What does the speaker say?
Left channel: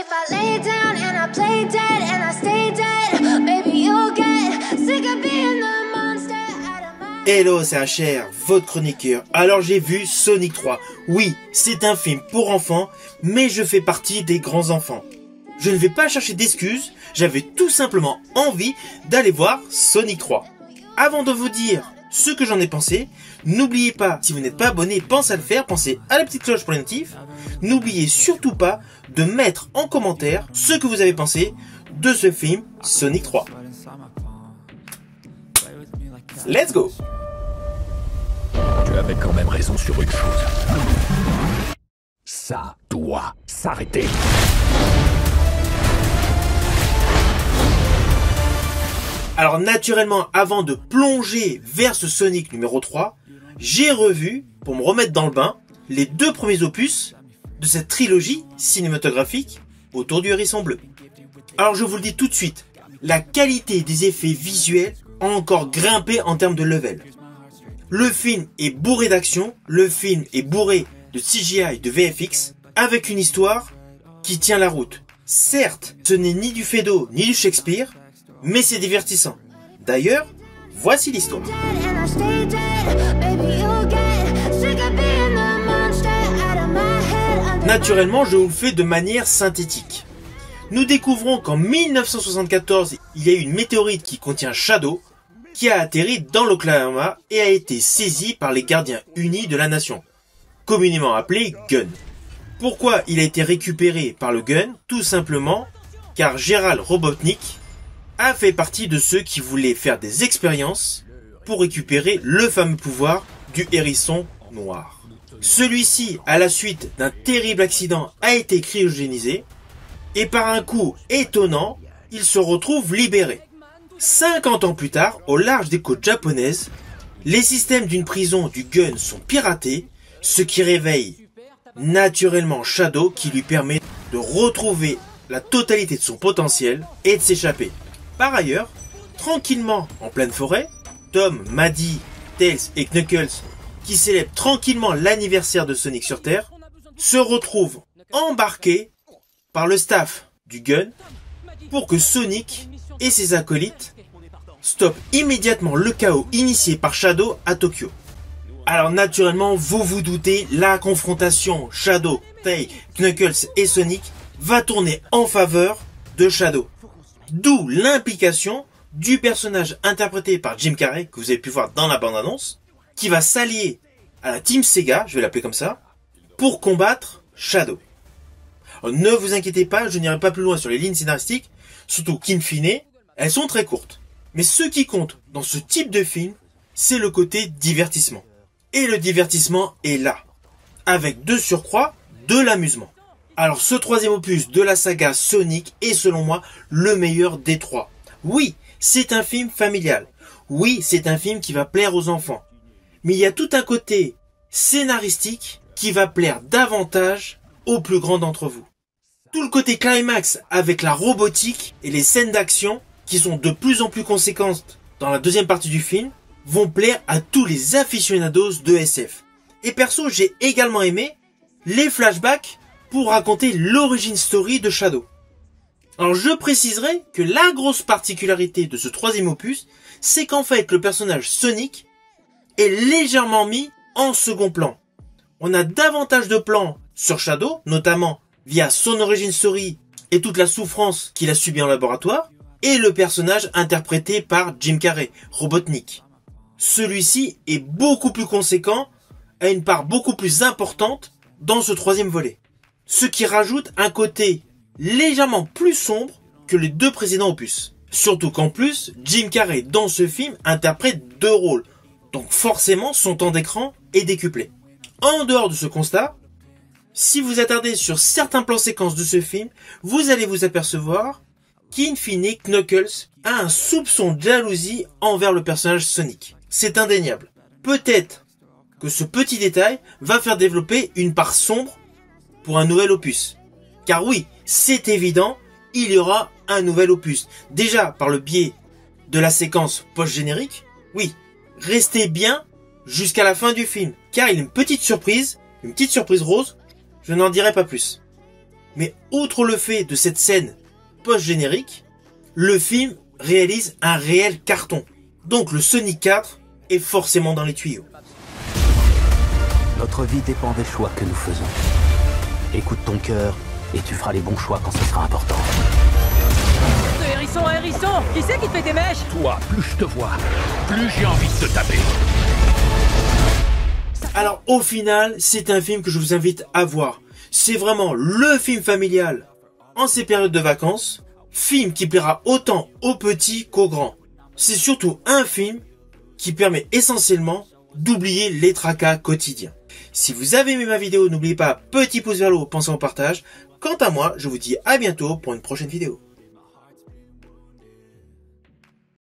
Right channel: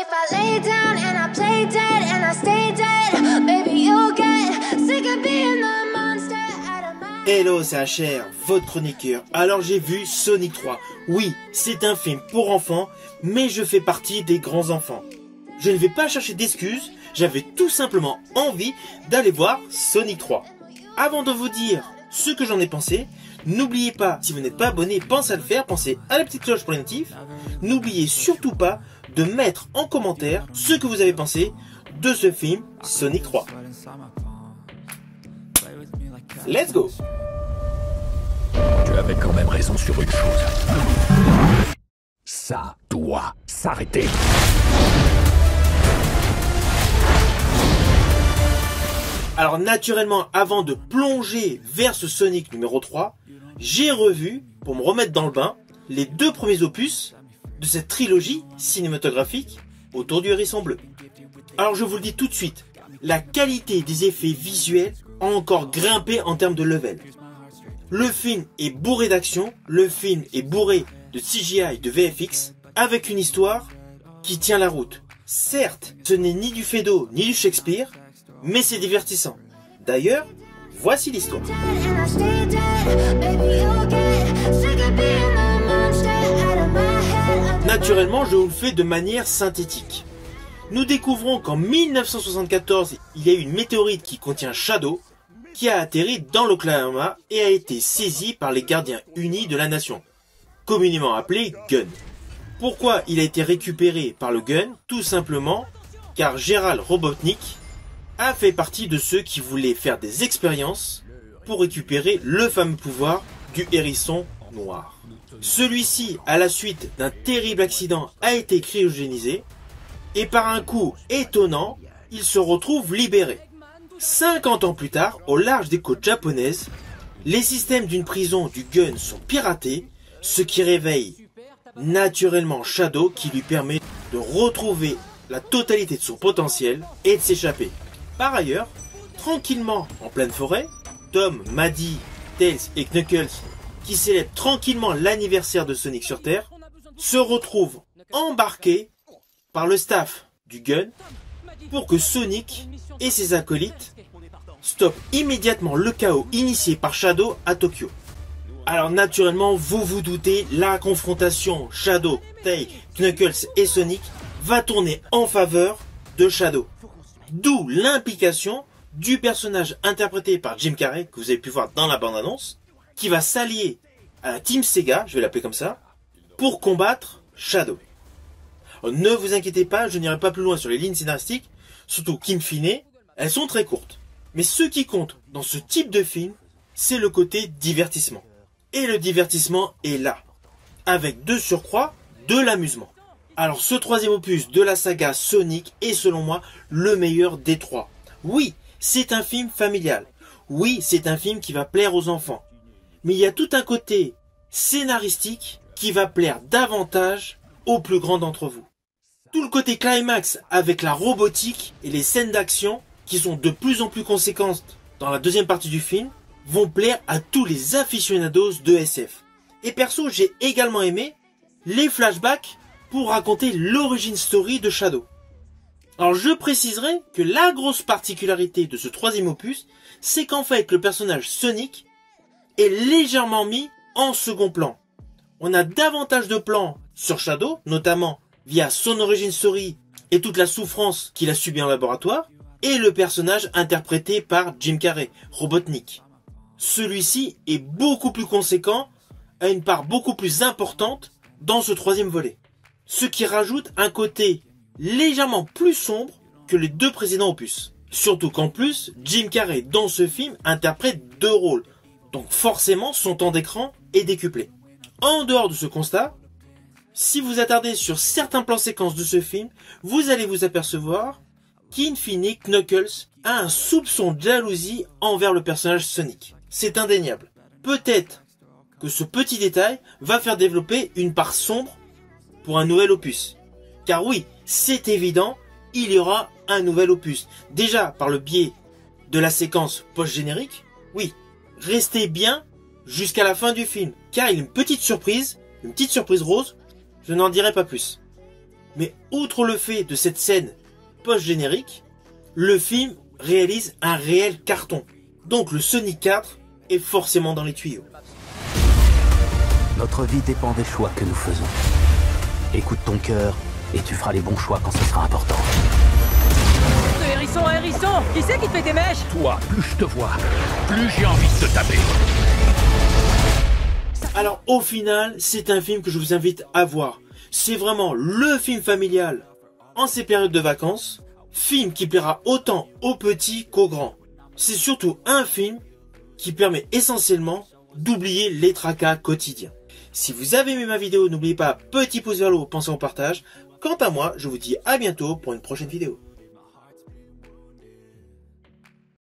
if I lay down and I play dead and I stay dead, baby you'll get sick of being the monster out of my... Hello, c'est HR, votre chroniqueur. Alors j'ai vu Sonic 3. Oui, c'est un film pour enfants, mais je fais partie des grands enfants. Je ne vais pas chercher d'excuses, j'avais tout simplement envie d'aller voir Sonic 3. Avant de vous dire ce que j'en ai pensé, n'oubliez pas, si vous n'êtes pas abonné, pensez à le faire, pensez à la petite cloche pour les notifs. N'oubliez surtout pas de mettre en commentaire ce que vous avez pensé de ce film Sonic 3. Let's go! Tu avais quand même raison sur une chose. Ça doit s'arrêter. Alors naturellement, avant de plonger vers ce Sonic numéro 3, j'ai revu, pour me remettre dans le bain, les deux premiers opus de cette trilogie cinématographique autour du hérisson bleu. Alors je vous le dis tout de suite, la qualité des effets visuels a encore grimpé en termes de level. Le film est bourré d'action, le film est bourré de CGI et de VFX, avec une histoire qui tient la route. Certes, ce n'est ni du Feydeau ni du Shakespeare, mais c'est divertissant. D'ailleurs, voici l'histoire. Naturellement, je vous le fais de manière synthétique. Nous découvrons qu'en 1974, il y a eu une météorite qui contient Shadow, qui a atterri dans l'Oklahoma et a été saisie par les gardiens unis de la nation, communément appelé Gunn. Pourquoi il a été récupéré par le Gunn? Tout simplement car Gerald Robotnik a fait partie de ceux qui voulaient faire des expériences pour récupérer le fameux pouvoir du hérisson noir. Celui-ci, à la suite d'un terrible accident, a été cryogénisé et par un coup étonnant, il se retrouve libéré. 50 ans plus tard, au large des côtes japonaises, les systèmes d'une prison du Gunn sont piratés, ce qui réveille naturellement Shadow qui lui permet de retrouver la totalité de son potentiel et de s'échapper. Par ailleurs, tranquillement en pleine forêt, Tom, Maddie, Tails et Knuckles, qui célèbrent tranquillement l'anniversaire de Sonic sur Terre, se retrouvent embarqués par le staff du Gunn pour que Sonic et ses acolytes stoppent immédiatement le chaos initié par Shadow à Tokyo. Alors naturellement, vous vous doutez, la confrontation Shadow, Tails, Knuckles et Sonic va tourner en faveur de Shadow. D'où l'implication du personnage interprété par Jim Carrey, que vous avez pu voir dans la bande-annonce, qui va s'allier à la Team Sega, je vais l'appeler comme ça, pour combattre Shadow. Alors, ne vous inquiétez pas, je n'irai pas plus loin sur les lignes scénaristiques, surtout qu'in fine, elles sont très courtes. Mais ce qui compte dans ce type de film, c'est le côté divertissement. Et le divertissement est là, avec de surcroît de l'amusement. Alors ce troisième opus de la saga Sonic est selon moi le meilleur des trois. Oui, c'est un film familial. Oui, c'est un film qui va plaire aux enfants. Mais il y a tout un côté scénaristique qui va plaire davantage aux plus grands d'entre vous. Tout le côté climax avec la robotique et les scènes d'action qui sont de plus en plus conséquentes dans la deuxième partie du film vont plaire à tous les aficionados de SF. Et perso, j'ai également aimé les flashbacks pour raconter l'origine story de Shadow. Alors je préciserai que la grosse particularité de ce troisième opus, c'est qu'en fait le personnage Sonic est légèrement mis en second plan. On a davantage de plans sur Shadow, notamment via son origine story et toute la souffrance qu'il a subie en laboratoire, et le personnage interprété par Jim Carrey, Robotnik. Celui-ci est beaucoup plus conséquent, a une part beaucoup plus importante dans ce troisième volet. Ce qui rajoute un côté légèrement plus sombre que les deux précédents opus. Surtout qu'en plus, Jim Carrey dans ce film interprète deux rôles, donc forcément son temps d'écran est décuplé. En dehors de ce constat, si vous attardez sur certains plans séquences de ce film, vous allez vous apercevoir qu'in fine Knuckles a un soupçon de jalousie envers le personnage Sonic. C'est indéniable. Peut-être que ce petit détail va faire développer une part sombre pour un nouvel opus. Car oui, c'est évident, il y aura un nouvel opus. Déjà par le biais de la séquence post-générique. Oui, restez bien jusqu'à la fin du film. Car il y a une petite surprise rose, je n'en dirai pas plus. Mais outre le fait de cette scène post-générique, le film réalise un réel carton. Donc le Sonic 4 est forcément dans les tuyaux. Notre vie dépend des choix que nous faisons. Écoute ton cœur et tu feras les bons choix quand ce sera important. Hérisson, hérisson, qui c'est qui te fait tes mèches? Toi, plus je te vois, plus j'ai envie de te taper. Alors au final, c'est un film que je vous invite à voir. C'est vraiment le film familial en ces périodes de vacances. Film qui plaira autant aux petits qu'aux grands. C'est surtout un film qui permet essentiellement d'oublier les tracas quotidiens. Si vous avez aimé ma vidéo, n'oubliez pas, petit pouce vers le haut, pensez au partage. Quant à moi, je vous dis à bientôt pour une prochaine vidéo.